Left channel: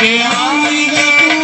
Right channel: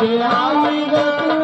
Yeah.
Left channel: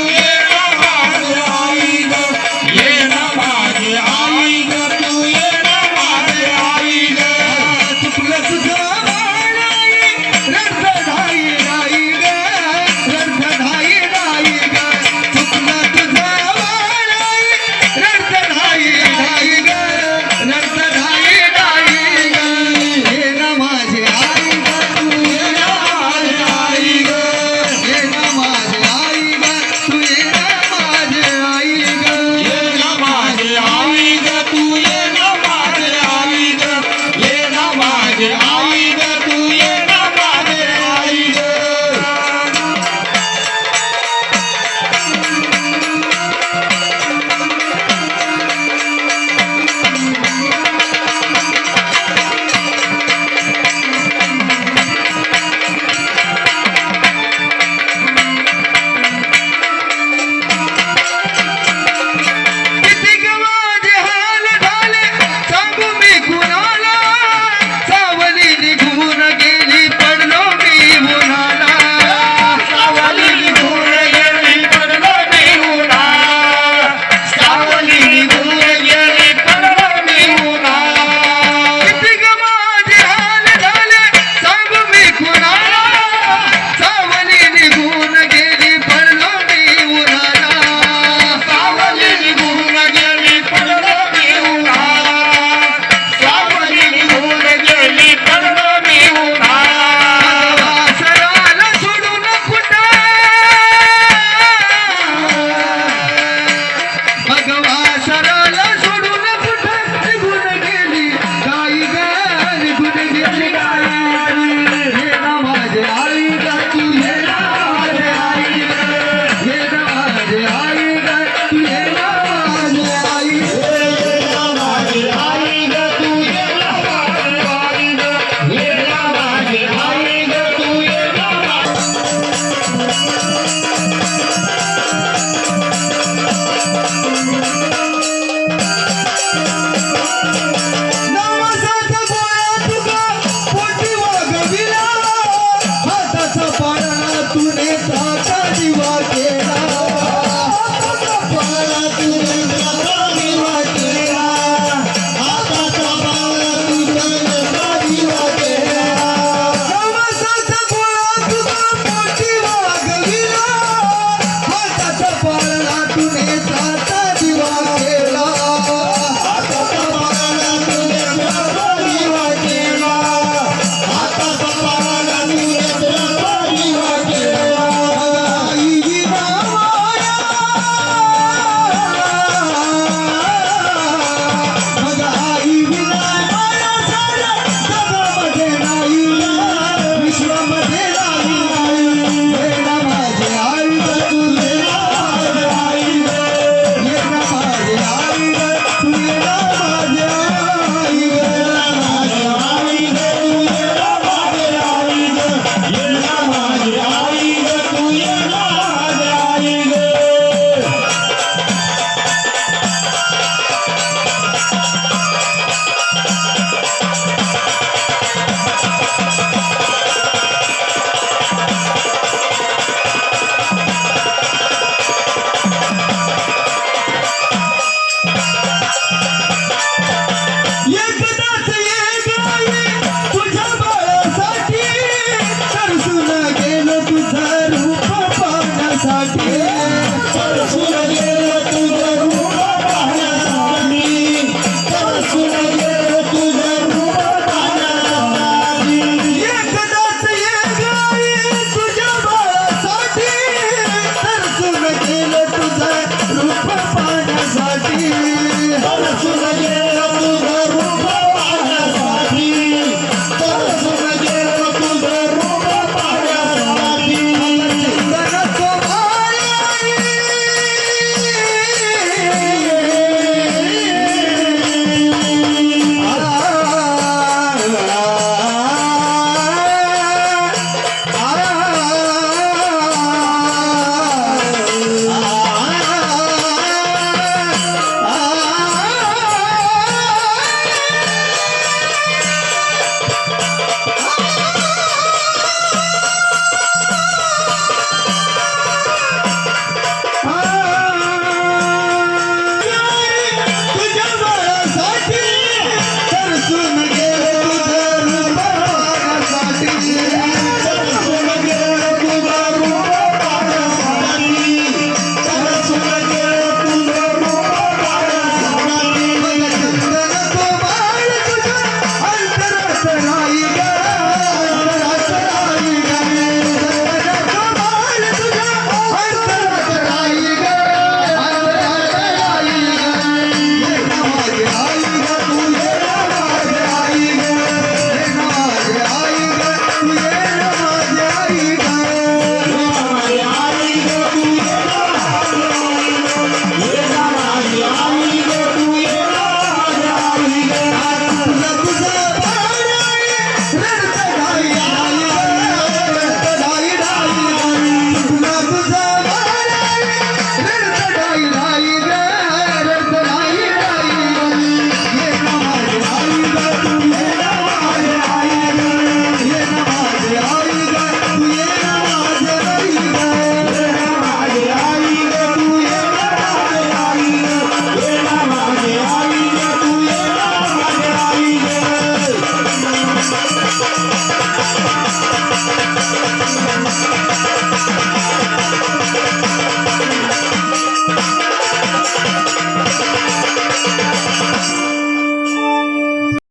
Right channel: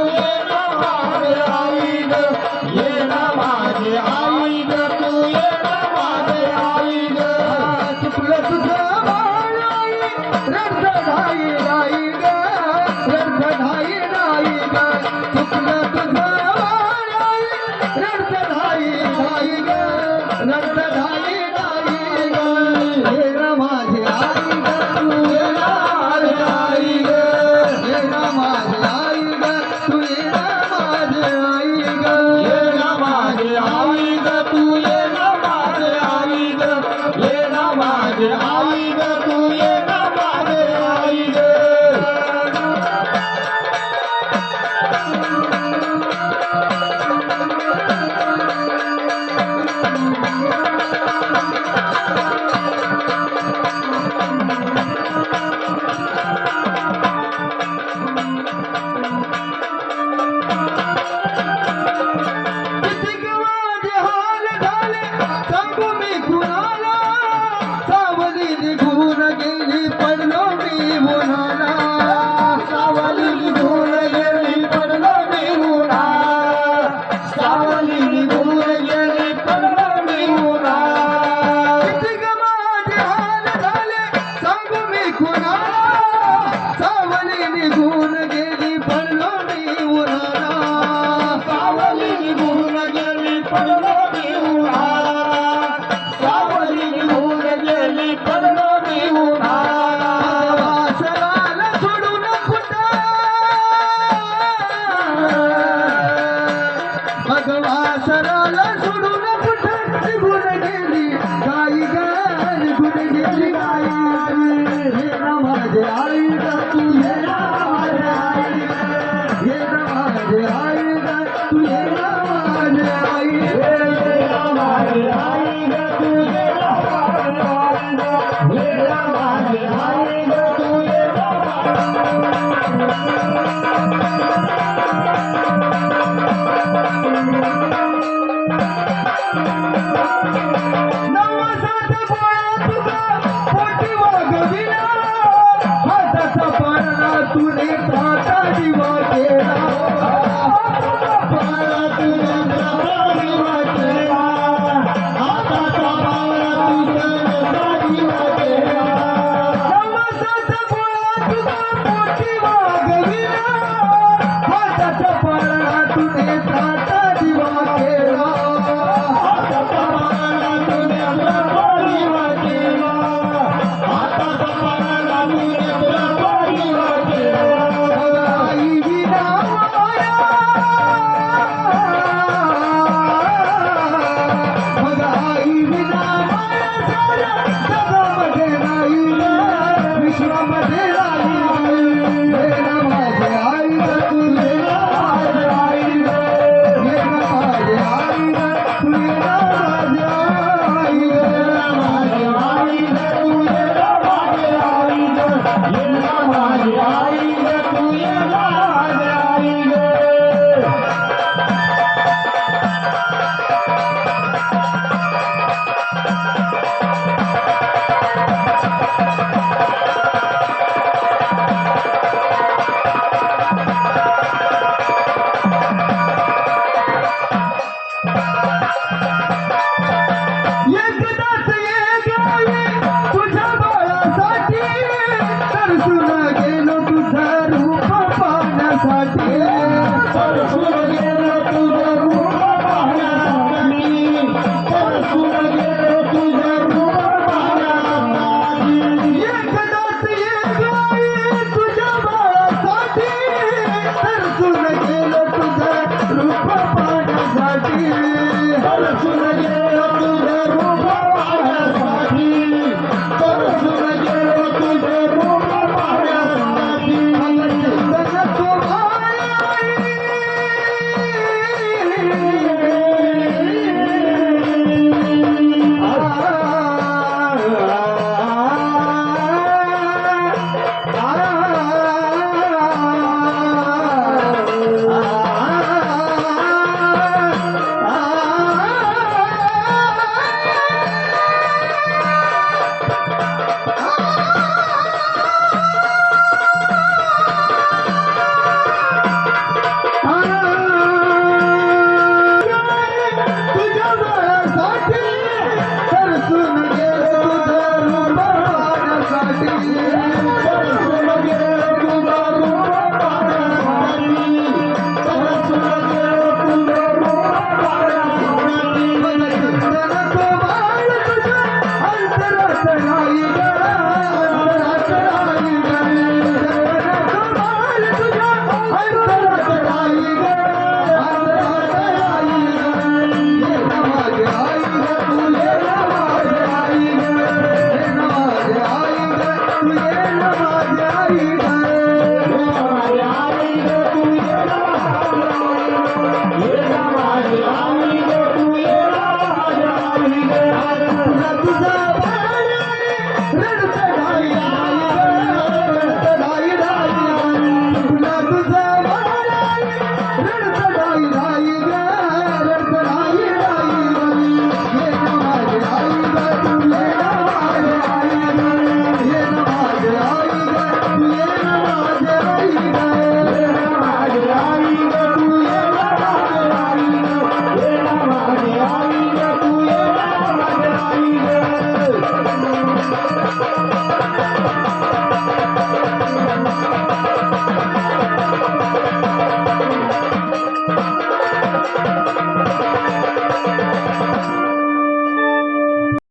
I'm Bye. Yeah. Yeah. yeah.